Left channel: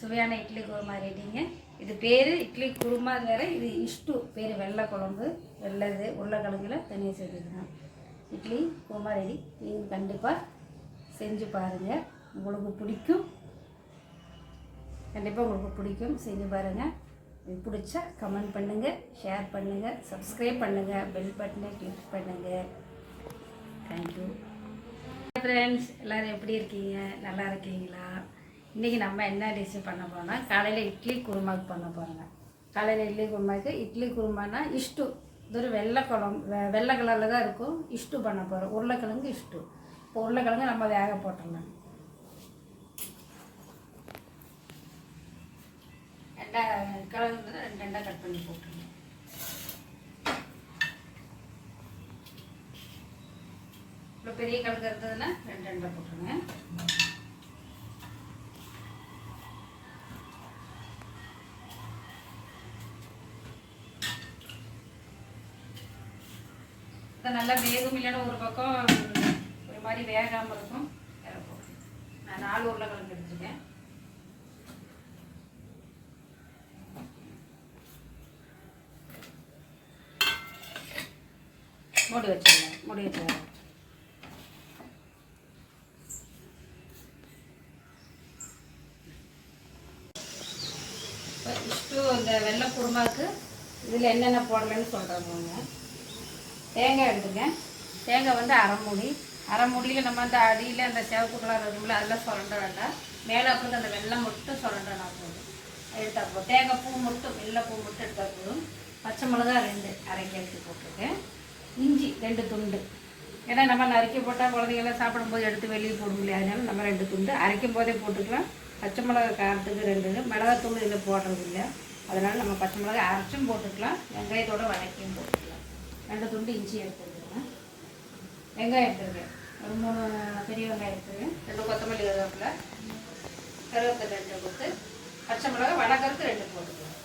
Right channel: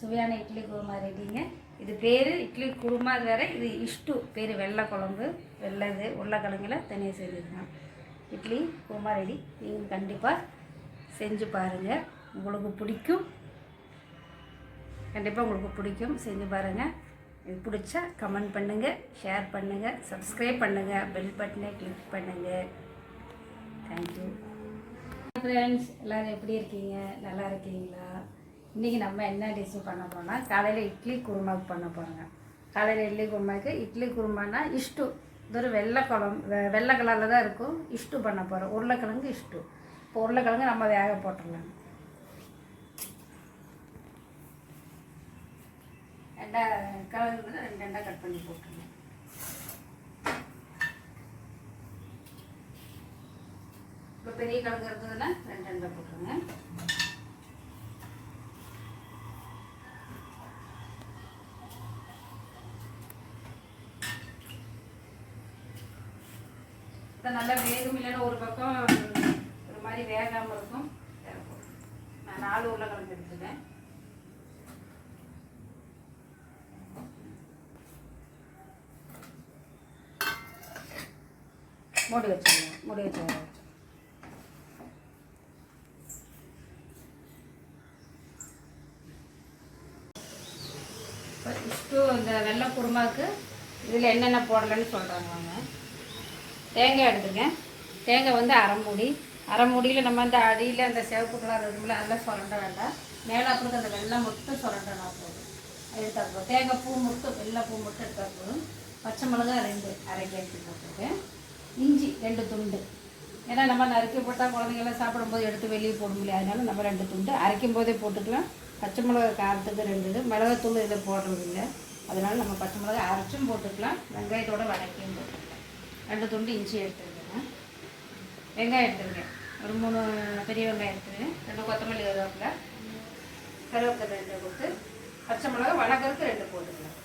சுவையான இட்லி குருமா ரெடிங்க. இது பேர் இட்லி குருமா வேறு, இது இஷ்டு பேர். வெள்ளை குழம்பு, வெள்ளது உருளைக்கிழங்குல தனியாக செய்துருங்க. இட்லி குருமா ரெடி. நீங்கள் கண்டிப்பாக செஞ்சு பாருங்கள், உங்களுக்கு பிடிக்கும். கண்டிப்பாக உங்களுக்கு பிடிக்கும், செஞ்சு பாருங்கள். இது பிடிச்சா கமெண்ட் பண்ணுங்கள், ஷேர் பண்ணுங்கள், சப்ஸ்கிரைப் பண்ணுங்கள், பெல் பட்டனை கிளிக் பண்ணுங்கள். Thank you friends. எல்லோரும் எப்படி இருக்கீங்க? நல்லா இருக்கீங்களா? இன்றைக்கி நம்ம என்ன டிஷ் பண்ண போகிறோம்னா, காலையில் இட்லி குருமாவுக்கு பண்ண போகிறோங்க. காலையில் இட்லி குருமானா இஷ்டு. இது ஒரு வெள்ளை குழம்பு, வெள்ளை கலரில் தான் இருக்கும். இஷ்டு பண்ண போகிறோம். உருளைக்கிழங்கு இஷ்டு. இப்போ உருளைக்கிழங்கு நம்ம வேக போட்டுடலாம். கிழங்கு ரெண்டாக கட் பண்ணி போட்டுருங்க. இப்போ பெரிய கிழங்கு இருந்ததுன்னா ரெண்டாக போட்டுருங்க. இதை நல்லா வேகும், இல்லைன்னா ஒரு பக்கம் ஒரு மாதிரி வேகாமல் இருக்கும். நான் 4 உருளைக்கிழங்கு எடுத்துருக்கேன். மூடி வச்சுருங்க. மூடி வச்சுருங்க. இப்போ இஷ்டு இந்த வெள்ளை குருமாவுக்கு இதில் என்னென்ன போடலன்னு சொல்கிறாங்க. தேங்காய் எடுத்துருக்கேன். தேங்காய் வந்து அரை மூடியில் நம்ம அந்த அடியில் அந்த சிவப்பு கலர் இருக்கும்ல, அதெல்லாம் சுரண்ட வேண்டாம். மேலே அப்புறம் அந்த வெள்ளை மட்டும் சுரண்டனா போதும். எடுத்தால் போதும். தேங்காய் பூ மட்டும், வெள்ளை பூ மட்டும் எடுத்தால் போதும். பச்சை மிளகா 2 அரைக்கி எடுத்து போட்டிருக்கேன். இஞ்சி 2 துண்டு. ஏன்னா நம்ம நறுக்கி போட்டால் குழந்தைங்கள்லாம் சாப்பிடும்போது எடுத்து வெளியே போட முடியாது. அதனால நம்ம 2 துண்டு அரைக்கும் போதே போட்டுக்கலாம். பச்சை மிளகா காரத்துக்கு 2 மிளகாத்தூள் இதில் போடுறது இல்லை. அதனால் நம்ம பச்சை மிளகா அரைச்சும் போட்டுக்கலாம், வெங்காயத்தோடு வதக்கியும் போட்டுக்கலாம். 2 துண்டு இஞ்சி எடுத்துருக்கேன். வெங்காயம் எடுத்துருக்கேன். ஒரு 3 பெரிய வெங்காயம் எடுத்துருக்கேன். 2 கொத்தமல்லி கருவேப்பிலை 2 கொடுத்து, பச்சை மிளகா வடகருக்கு 2 போட்டுக்கலாம்.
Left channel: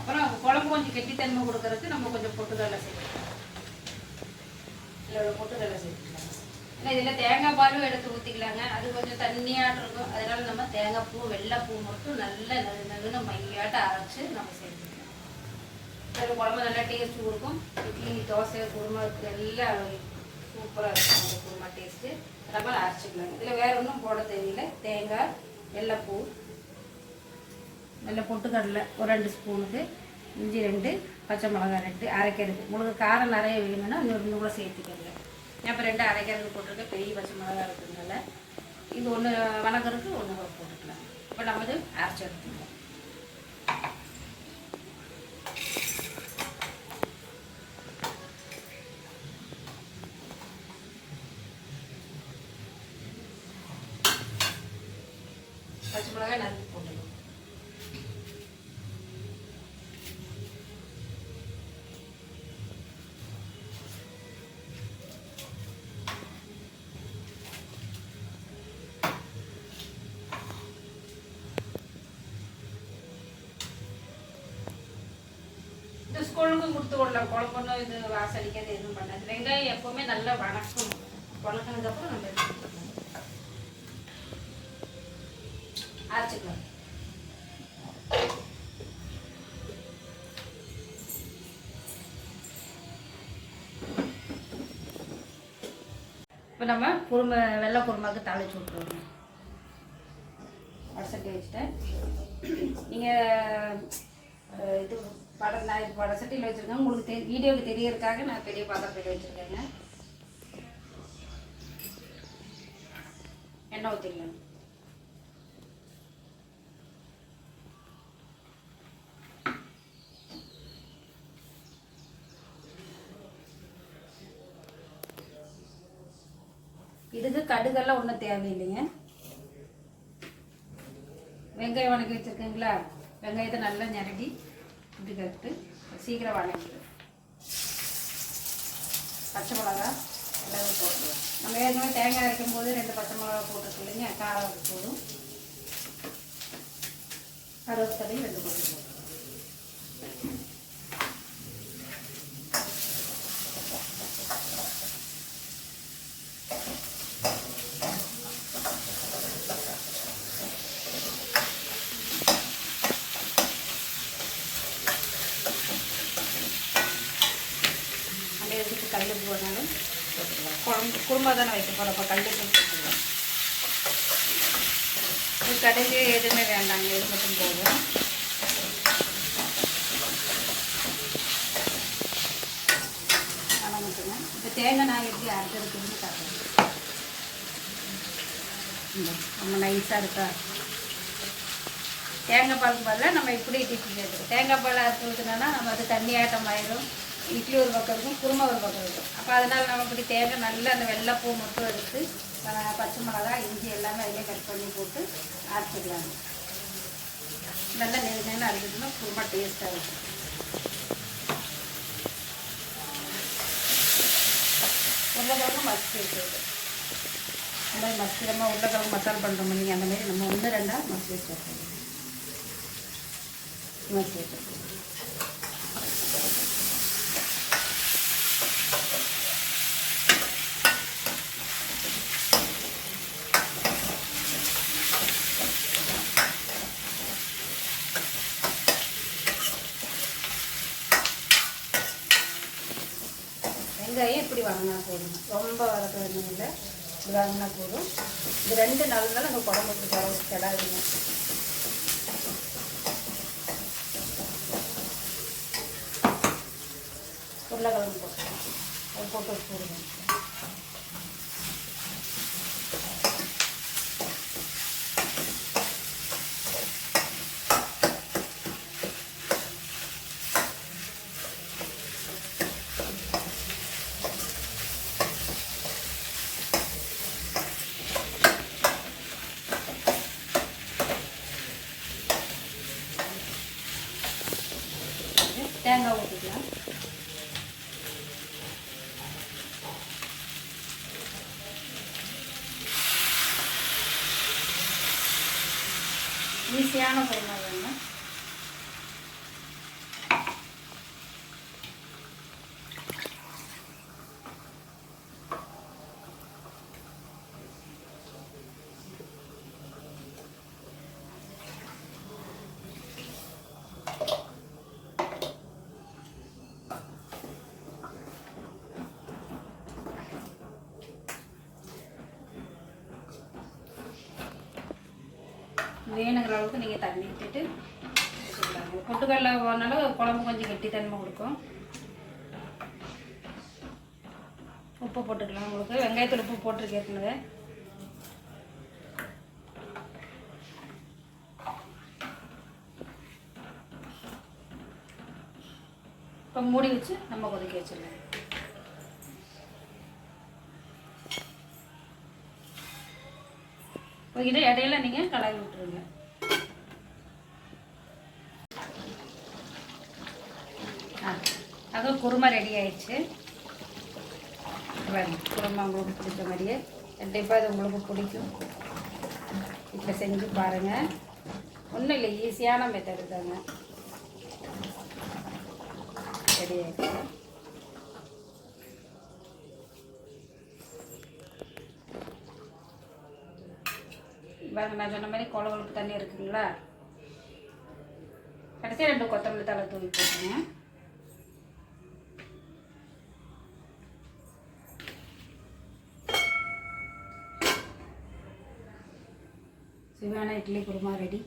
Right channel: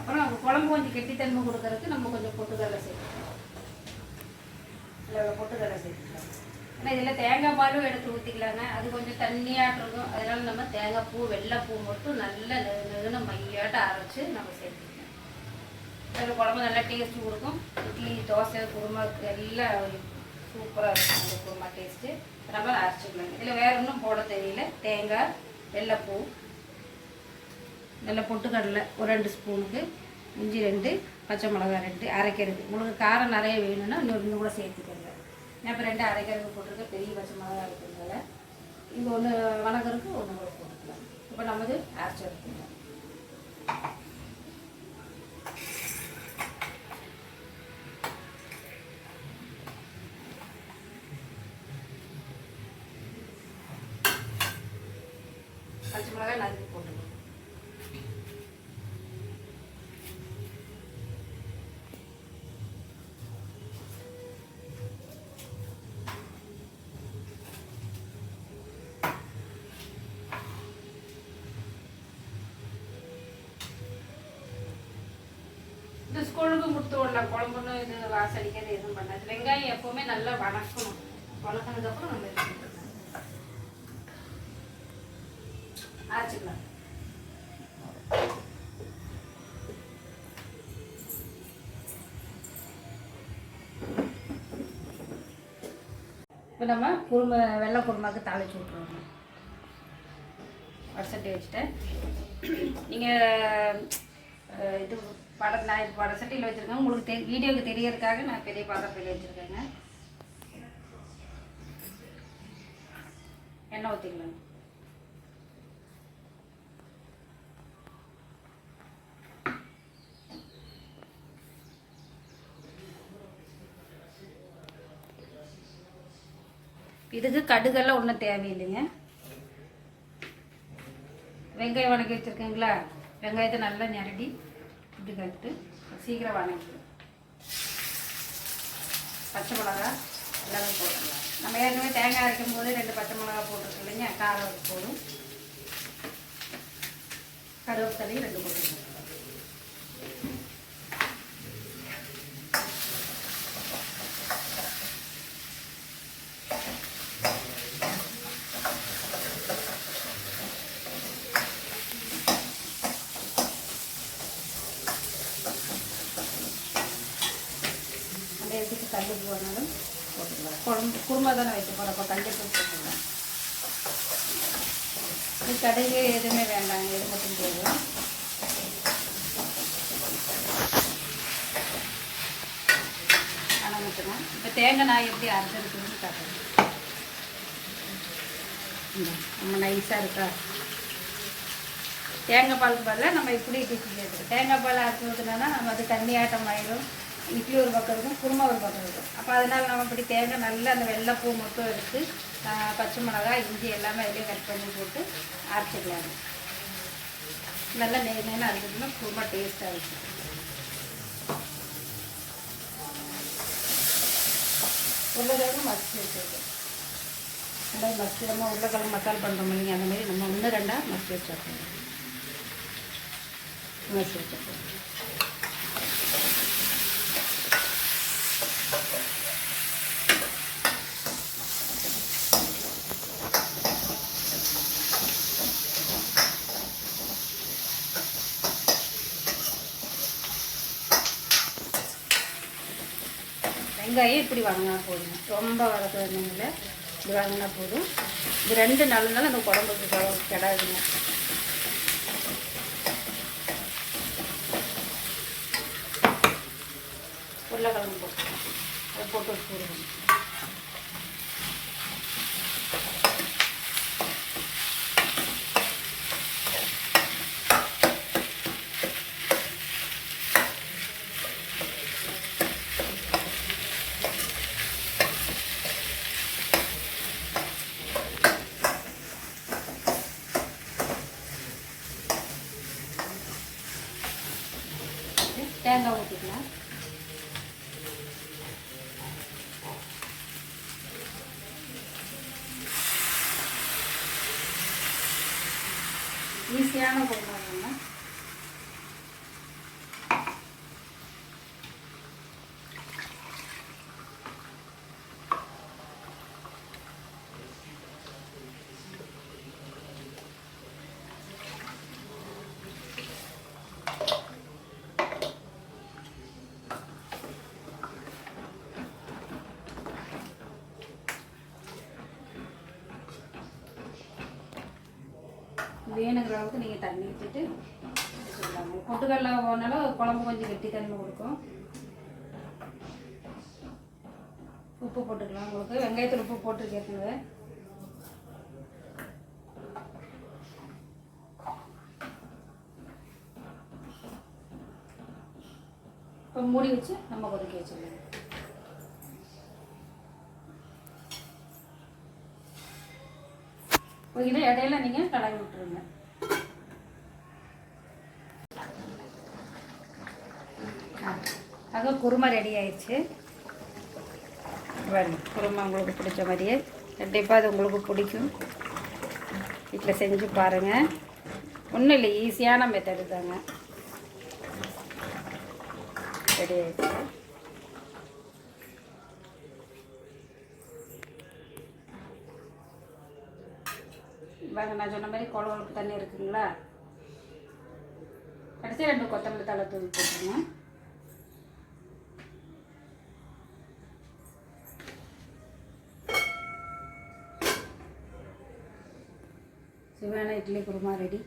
அப்புறம் குழம்பு கொஞ்சம் கெட்டித்தன்மை கொடுக்கறதுக்கு நம்ம கொஞ்சம் பொட்டுக்கடலை சேர்த்துக்கலாம். இல்லை பொட்டுக்கடலை சேர்த்துக்கலாம். ஏன்னா இதில் தேங்காய் பாலும் எடுத்து ஊற்றிக்கலாங்க. அது கொஞ்சம் தண்ணியாட்டு இருக்கும். அதனால நம்ம தேங்காய் பூ, வெள்ளை பூ மட்டும் நல்லா நெகுன்னு மையாட்ட அரைச்சி நம்ம சேர்த்துக்கலாம். அதில் குழம்பு நல்லா டேஸ்ட்டு கொடுக்கும். இட்லி, தோசை, குருமாவுக்கு எல்லாம் சூப்பராக இருக்கும். அந்த குருமா டேஸ்ட்டு நம்ம அரைச்சிக்கலாம். இதில் வேறு ஒன்றும் போட தெரியல. தேங்காய், வெள்ளைப்பூ, நல்ல பொட்டுக்கடலை ஒரு 2 ஸ்பூனுக்கு, இஞ்சி 2, பச்சை மிளகா 2 அரைக்கிறது. உங்களுக்கு காரம் நிறைய வேணும்னா இன்னும் கூட சேர்த்துக்கங்க. இப்போ 2 அரைக்கிறதுக்கு போட்டிருக்கேன். பெரிய பச்சை மிளகா இருக்கிறதுனால இது 1 வணக்கருக்கு 1 கூட போட்டுக்கலாம். இப்போ நம்ம இது அரைச்சி எடுத்துக்கலாம். பச்சை மிளகாய் நறுக்கி போட்டுக்கலாம். இந்த ஸ்கூலுக்கும் கொடுத்து விடலாம். குழம்புன்னு இது வாசடிக்கிறது எதுவும் பண்ணாது. வெங்காயம் எப்போவுமே நல்லா வணக்கணும். வணக்கினதுக்கப்புறம் நம்ம எடுத்துக்கலாம், அரைச்சிக்கலாம். இப்போ நம்ம வெள்ளை குருமாவுக்கு தாளிச்சு விட்டுருவோம். வடசட்டி வச்சுட்டேன். நீங்கள் இது நான் வடசட்டியில் வச்சுருக்கேன். உங்களுக்கு வீடியோவுக்கு தெரியறதுக்காக நான் பெரிய பாத்திரத்தில் வச்சுருக்கேங்க. எண்ணெய் ஊற்றிக்கலாம். இதுக்கு கடுகெல்லாம் ஒன்றும் தேவையில்லைங்க. வெங்காயம் வணக்கி வச்சுருக்கீங்களா? வெங்காயத்தை நல்லா நிரடி இப்படி கட்டு சீக்கிரம் வணக்கிடும். பச்சை மிளகா எல்லாமே போட்டுக்கலாம். நம்ம ஏற்கனவே தேங்காய் அரைக்கும் போது 2 பச்சை மிளகா போட்டுருக்கு இல்லைங்க, காரம் போடும். கருவேப்பிலையும் 2 போட்டுக்கலாம். வேணாலும் போட்டுக்கலாம். குழம்பு குருமா தானே வைக்க போகிறோம், அப்போ கல்லுப்பு போட்டுக்கலாம். கடுகு எதுவுமே வேண்டாங்க, இது மட்டும் போதும். ஆனால் மட்டும்தான் இப்போ தேங்காய் நான் எப்படி அரைக்கிறதுன்னு காட்டுறேன். நம்ம நைஸாக இருக்கா தேங்காய் பாலுக்கு பதிலாக நம்ம இப்படி டிஃபி சேர்த்துக்கோம். தேங்காய் பால் அரைச்சி ஊற்றினா நம்ம அது தண்ணி ஆட்டம் ஆயிரும். இட்லி ஒரு பக்கம் இருக்கும், குருமா ஒரு பக்கம் இருக்கும். அப்போ அதனால் நம்ம இப்படி தேங்காய் நல்லா அந்த வெள்ளைப்பூ மட்டும் எடுத்து பச்சை மிளகாய் இஞ்சி எல்லாமே அதிலே கட் பண்ணி போட்டு அரைச்சிக்கலாங்க. நல்லா நேரம் அரைச்சிட்டோம்னா குருமா டேஸ்ட்டாக இருக்கும். உருளைக்கிழங்கு மசிச்சு வச்சுருக்கு. அந்த மாதிரி மசிச்சு நம்ம உருளைக்கிழங்கு மசாலா பண்ணுறோம் பண்ணிங்க, அந்த மாதிரி நம்ம 1-2 மசிச்சு வச்சுருக்கோம். மசிச்சு வச்சுருக்கோம். வெங்காயம் இப்படி வதங்கினா போதும், ரொம்ப வளர்க்குறதுனால இப்படி வதங்கினா போதும். இது 2 நாளுனால அந்த குழம்புக்கு கிடாதுங்க. உருளைக்கிழங்கு போட்டு வச்சுருவோம். தேங்காய் ஊற்றிக்கலாம். ஈஸியான குருமா வேணும். வேணுங்கிற அளவுக்கு நீங்கள் தண்ணி விட்டுட்டு வச்சுக்கலாங்க. பொட்டுக்கடலை போனாலும் குழம்பு கொஞ்சம் கெட்டித்தன்மை கொடுக்கும். உப்பு போட்டுக்கலாம். உங்களுக்கு வெங்காயத்தில் உப்பு போட்டுருக்கேங்க. இப்போ மூடி வச்சு நம்ம கொதிக்க வச்சிடலாம். இதை இடையில நீங்கள் கலரி விட்டுருங்க. அது குருமா ரெடி ஆயிடுச்சு. குருமா உங்களுக்கு பிடிச்ச மாதிரியே கண்டிப்பாக அது உங்களுக்கு பிடிக்கும். வீட்டில் செஞ்சு பாருங்கள். ஒன்றும் இல்லை, ஈஸியான மெத்தடு தாங்க. ரெடி ஆயிடுச்சு. பாருங்க, நான் சொன்ன மாதிரி குழம்புக்கு தண்ணி இருக்குங்களா. கடைசி 2 கொத்தமல்லி தழை தூவி போட்டுருங்க. சுவையான இட்லி குருமா ரெடி.